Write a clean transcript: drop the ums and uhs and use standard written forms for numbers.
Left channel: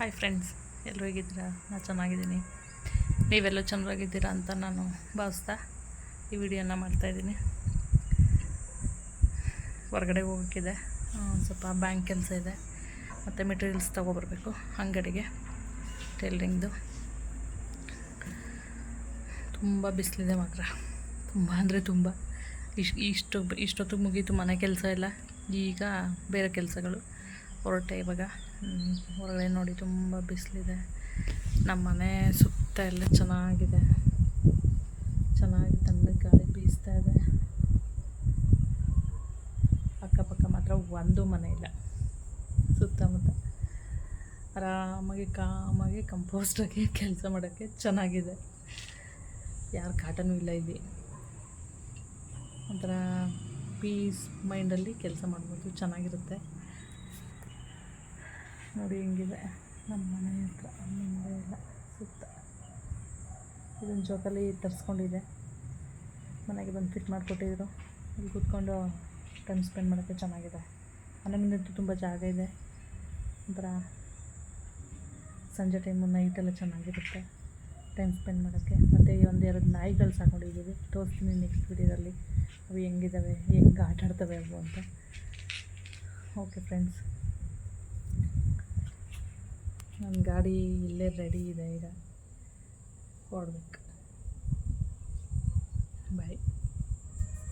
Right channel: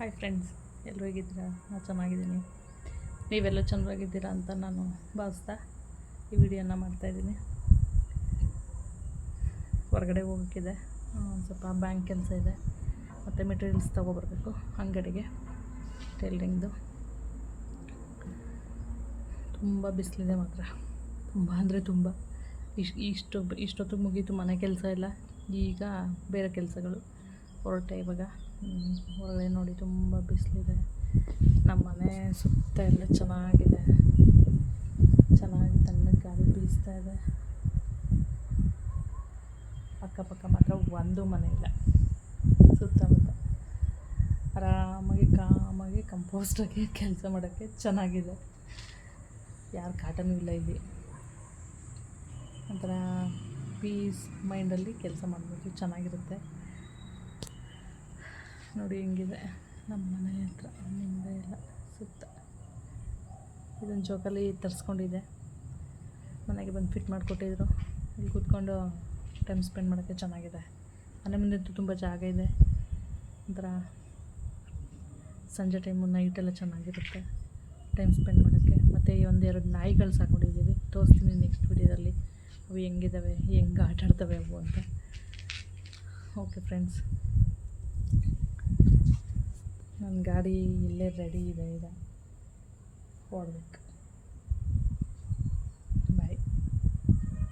Hi friends, ಎಲ್ಲರೂ ಹೇಗಿದ್ದೀರಾ? ನಾನು ಚೆನ್ನಾಗಿದ್ದೀನಿ. ನೀವೆಲ್ಲೂ ಚೆನ್ನಾಗಿದ್ದೀರಾ ಅಂತ ನಾನು ಭಾವಿಸ್ತಾ ಈ ವಿಡಿಯೋನ ಮಾಡ್ತಾಯಿದ್ದೀನಿ. ಹೊರಗಡೆ ಹೋಗೋಕ್ಕಿದೆ, ಸ್ವಲ್ಪ ಬ್ಯಾಂಕ್ ಕೆಲಸ ಇದೆ, ಮತ್ತು ಮೆಟೀರಿಯಲ್ಸ್ ತೊಗೊಬರ್ಬೇಕು ಅಂಗಡಿಗೆ ಟೈಲರಿಂಗ್ದು. ತುಂಬ ಬಿಸಿಲಿದೆ ಮಾತ್ರ, ತುಂಬ ಅಂದರೆ ತುಂಬ. ಇಷ್ಟೊತ್ತಿಗೆ ಮುಗೀತು ಮನೆ ಕೆಲಸ ಎಲ್ಲ. ಈಗ ಬೇರೆ ಕೆಲಸಗಳು ಹೊರಟೆ ಇವಾಗ. ಹೊರಗಡೆ ನೋಡಿ ತುಂಬ ಬಿಸಿಲಿದೆ. ನಮ್ಮ ಮನೆ ಸುತ್ತ ಎಲ್ಲ ಚೆನ್ನಾಗಿ ತಣ್ಣಗೆ ಗಾಳಿ ಬೀಸ್ತಾ ಇದೆ. ಅಕ್ಕಪಕ್ಕ ಮಾತ್ರ ಒಂದು ಮನೆ ಇಲ್ಲ. ಸುತ್ತಮುತ್ತ ಆರಾಮಾಗಿ ಕಂಪೋಸ್ಟಾಗಿ ಕೆಲಸ ಮಾಡೋಕ್ಕೆ ಚೆನ್ನಾಗಿದೆ. ಯಾರು ಕಾಟನೂ ಇಲ್ಲ ಇಲ್ಲಿ. ಒಂಥರ ಪೀಸ್ ಮೈಂಡಲ್ಲಿ ಕೆಲಸ ಮಾಡ್ಬೋದು, ಚೆನ್ನಾಗಿರುತ್ತೆ. ನೋಡಿ ಹೆಂಗಿದೆ ನಮ್ಮ ಮನೆ ಹತ್ರ ಮುಂದೆ ಎಲ್ಲ ಸುತ್ತ. ಇದನ್ನು ಜೋಕಾಲಿ ತರಿಸ್ಕೊಂಡಿದ್ದೆ, ಮನೆಗೆ ಬಂದು ಫಿಟ್ ಮಾಡಿಕೊಟ್ಟಿದ್ರು. ಇಲ್ಲಿ ಕೂತ್ಕೊಂಡು ಟೈಮ್ ಸ್ಪೆಂಡ್ ಮಾಡೋಕ್ಕೆ ಚೆನ್ನಾಗಿದೆ. ಮನೆ ಮುಂದೆ ತುಂಬ ಜಾಗ ಇದೆ. ಒಂಥರ ಸಂಜೆ ಟೈಮು ನೈಟೆಲ್ಲ ಚೆನ್ನಾಗಿರುತ್ತೆ ಟೈಮ್ ಸ್ಪೆಂಡ್ ಮಾಡೋಕ್ಕೆ. ಮತ್ತು ಈ ಒಂದೆರಡು ನಾಯಿಗಳು ಸಾಕೊಂಡಿದ್ದೀವಿ, ತೋರಿಸ್ತೀನಿ ನೆಕ್ಸ್ಟ್ ವಿಡಿಯೋದಲ್ಲಿ ಅವು ಹೆಂಗಿದ್ದಾವೆ, ಹೆಂಗೆ ಆಟಾಡ್ತವೆ ಅವು ಅಂತ. ಓಕೆ ಫ್ರೆಂಡ್ಸ್, ನನ್ನ ಗಾಡಿ ಇಲ್ಲೇ ರೆಡಿ ಇದೆ, ಈಗ ಹೊರಡ್ಬೇಕು. ಬಾಯ್.